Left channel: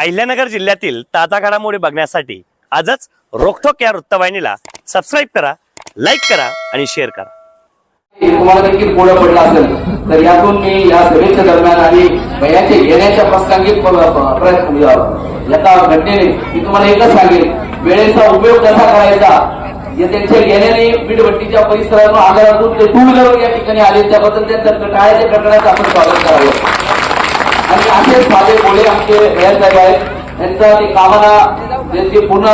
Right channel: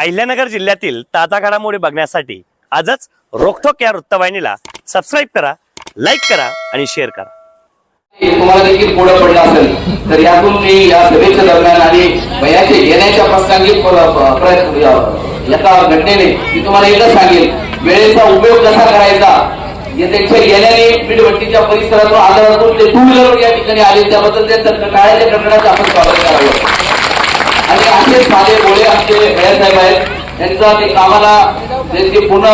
अहिल्यानगर जिल्ह्यातील ताजा घडामोडी बघण्यासाठी आजच रोखोक या वृत्तवाहिनीला सबस्क्राइब करा, लाईक करा आणि शेअर करा। तुम्हाला देखील पुढे पडला असेल तर यातून मी या सभेच्या दरम्यान आणि वयाचे घेण्याच्या प्रसंगी प्रयत्न एका घटनेने मी तुम्हाला एकच सांगेल, वेळेचा उपयोग कसा करायचा। त्यांच्या गेल्याने मीठभट्टीच्या परिसरातून आगारातून ते 2 व्हीलर या ठिकाणी आले, त्याबद्दल त्यांच्या टाळ्याच्या कडकडाचं आपण स्वागत करावं। आणि असेच माझे बोले आमचे भैयासाहेब आहेत, त्यांचा ते कामाला त्यांची पूर्ण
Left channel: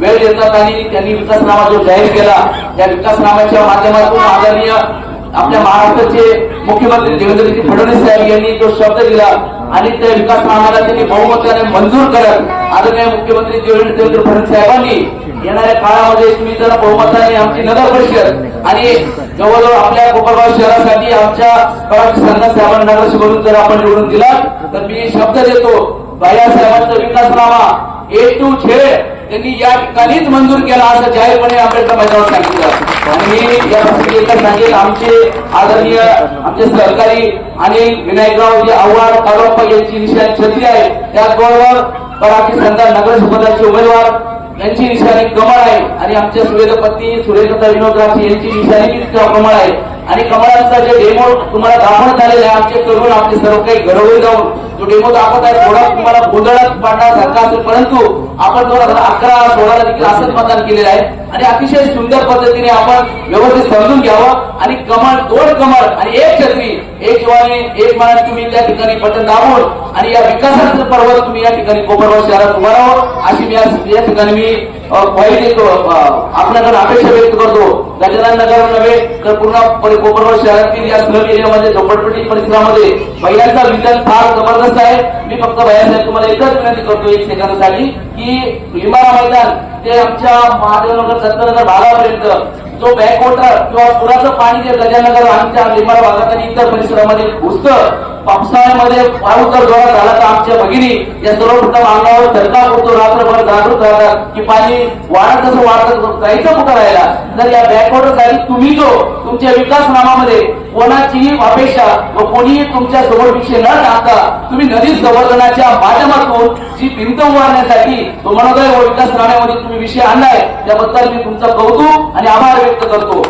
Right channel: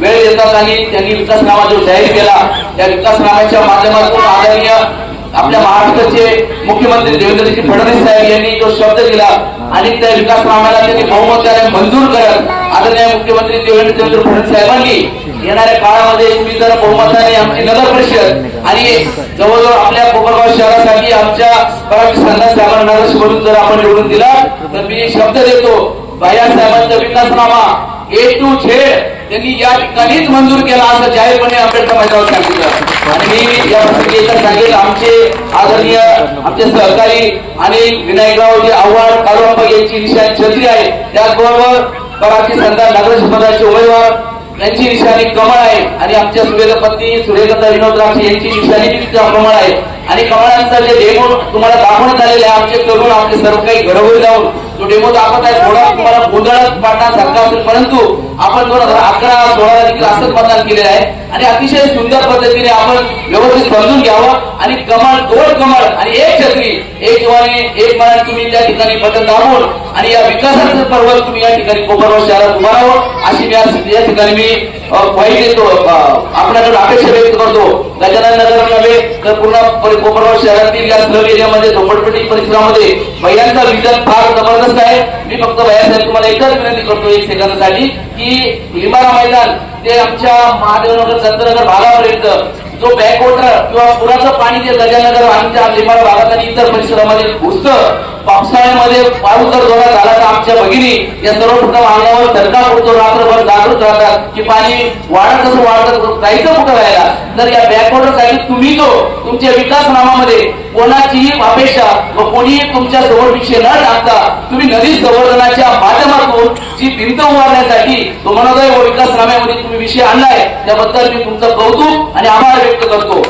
वेळ देतात आणि त्यांनी विकासनामा जो जाहीर केला त्या विकासनामाच्या माध्यमातून आदरणीय आपल्या महाराष्ट्राचे मुख्यमंत्री देवेंद्रजी फडणवीस साहेब यांनी जो शब्द दिला आणि त्या विकासनामाला त्यांनी बहुमताने मंजूर करत आदरणीय मुख्यमंत्री देवेंद्र फडणवीस साहेबांनी येणाऱ्या काळामध्ये तुम्ही जर बहुमताने आमची नगर परिषद आणि जवळजवळ आपल्या कोपरगाव शहरासाठी आमच्या पराठी संघ साहेबांना म्हणून जर आपण निवडून दिला तर मी शब्द देतो, भैयासाहेबांचा विकासनामा A to Z त्यांनी या ठिकाणीच मंजूर केला असं जाहीरपणे आंबेडकर मैदानावर सांगितलं। आणि मी या प्रसंगी एकच सांगेल, आमचे आदरणीय आमचे सहकारी आणि विनायकराव जे आव्हाड कालवांबा यांची निशाणी छत्री आहे, त्याचबरोबर पराठी संघ नगरपंचायतचे उमेदवार यांची निशाणी कमळ आहे आणि आमच्या सुवेदपती सुरेखा विनोद यांची निशाणी कमळ आहे। आणि कमळांचा जे डेमो तुम्हाला दाखवण्यात आलेला आहे, आमचे तरुण आपले सर्व काही घरोघरी जाऊन जो डेमो दाखवत आहे थोडा तुम्हाला गोंधळात पाडण्यासारखा असेल, परंतु आपण 2011-16 देखील असंच मतदान केलेलं आहे आणि अतिशय सुंदर पद्धतीने आपण व्यवस्थित समजून घ्यावं। आणि कमळ 2 कमळ आणि 1 छत्री, 1 जवानी 1 मनात तुम्ही त्या ठिकाणी बटन दाबून आणि या विकासाचं पर्वत तुम्ही या ठिकाणी कोपरगाव शहरात उभारावं अशी मी या ठिकाणी मी ग्वाही देतो, आपल्याकडे अपेक्षा व्यक्त करतो। गजानन नगर नव्हे तर पूर्ण कोपरगाव शहरातील या स्लम एरियामध्ये झोपडपट्टी परिसरामध्ये महिलांचा विजन फार जबरदस्त आहे। मी फक्त भैयासाहेब तुम्हाला एकच विनंती करतो 1 सेकंदासाठी की लिंबाळा मैदान ते आमच्या महादेवनगर दत्तनगर भागापर्यंत जो बॅकवॉटर किंवा पुराचं पाणी जे गजानगर आमच्या लिंबाळा भागात आणि इतर परिसरामध्ये घुसतं, पावसाळ्यामध्ये पाऊस जर जोरात झाला तर आमच्या भगिनी या सर्व कुठं अंगावर धडका पडतो, रात्रभर जागृत राहतात की पाणी वाढत कसं वाढत जायचं कुठं राहायला। तर या बॅकवॉटर साठी तुम्ही जो तुमच्या विकासनामामध्ये कोणाचीही अपेक्षा व कोणीही तुमच्या समोर विषय न टाकता तुम्ही नदी संवर्धनाच्या माध्यमातून जी भिंत उभारण्यासाठी तो मनोदय व विकासनाम्यामध्ये तुम्ही विषय आणलाय त्याबद्दल मी तुमचं कौतुक आणि आभार व्यक्त करतो।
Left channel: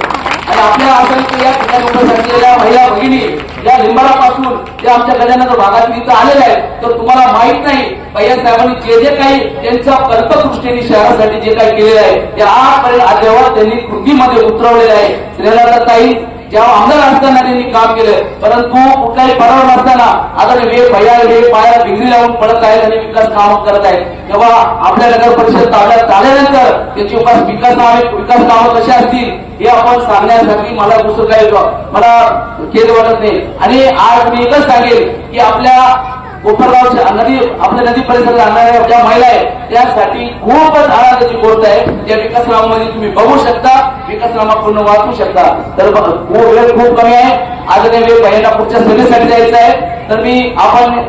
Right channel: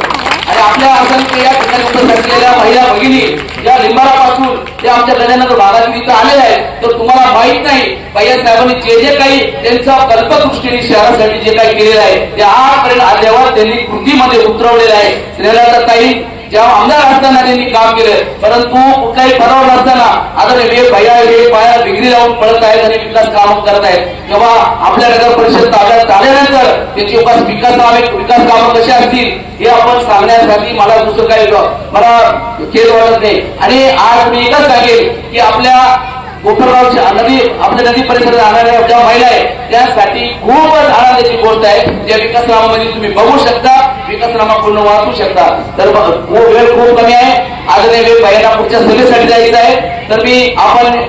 आणि आपल्या असंख्य या ठिकाणी उपस्थित असलेल्या महिला भगिनी या लिंबाळापासून ते आमच्या गजानगर भागात इथं आलेल्या आहेत, तर तुम्हाला माहित नाही भैयासाहेबांनी जे काही त्यांच्या कल्पदृष्टीने शहरासाठी जे काही केलेलं आहे ते आजपर्यंत जेव्हा त्यांनी कृतीमध्ये उतरवलेलं आहे। श्रीलताताई जेव्हा आमदार असताना त्यांनी काम केलं, परंतु कुठलाही पराभव नसताना आता हे पायाला डिग्री लावून पडत आहेत आणि विकास काम करत आहेत। तेव्हा आपल्या नगर परिषद ताब्यात आल्यानंतर त्याची विकास कामं कशी असतील हे आपण सांगण्यासाठी मला दुसरं काही मला खेद वाटत नाही। आणि आज मी एकच सांगेल की आपल्या कोपरगावच्या आपल्या नदी परिसरात आणणाऱ्या ज्या महिला आहेत त्यासाठी खूपच आनंदाची गोष्ट आहे। त्या विकासनामामध्ये तुम्ही बघू शकता, विकासनामा पूर्ण वाचू शकता। तर वेळ खूप कमी आहे, आज वेळ बाहेर पुढच्या सभेसाठी जायचं आहे, तर मी आपण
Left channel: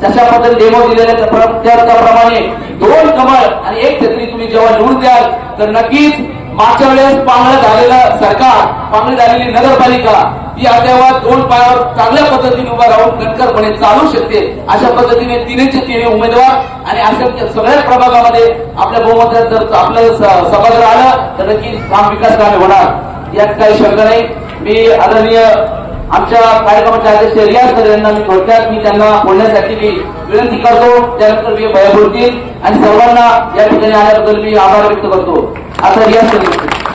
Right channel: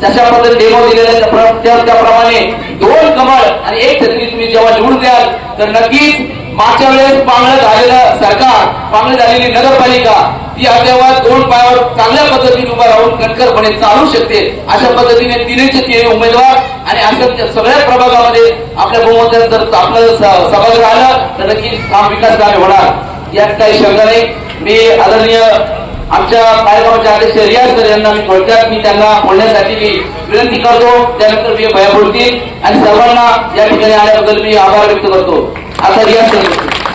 जशा पद्धतीने डेमो दिलेले त्याप्रमाणे 2 कमळ आणि 1 छत्री तुम्ही जेव्हा निवडून द्याल तर नक्कीच मागच्या वेळेस पांगळ झालेलं सरकार, पांगळ झालेली नगरपालिका ती तेव्हा 2 पायावर चांगल्या पद्धतीने उभा राहून कणखरपणे चालू शकते। अशा पद्धतीने 3 उमेदवार आणि अशा सगळ्या प्रभागामध्ये आपल्या बहुमतात जर आपलं सभागृह आलं तर नक्की काम विकास कामे होणार यात काही शंका नाही। मी आदरणीय आमच्या कार्यक्रमाचे अध्यक्ष रियाज सर यांना मी थोडक्यात त्यांना बोलण्यासाठी मी विनंती करतो, त्यानंतर मी भैया बोलतील आणि सर्वांना या ठिकाणी आल्याबद्दल मी आभार व्यक्त करतो। आता रियाज सर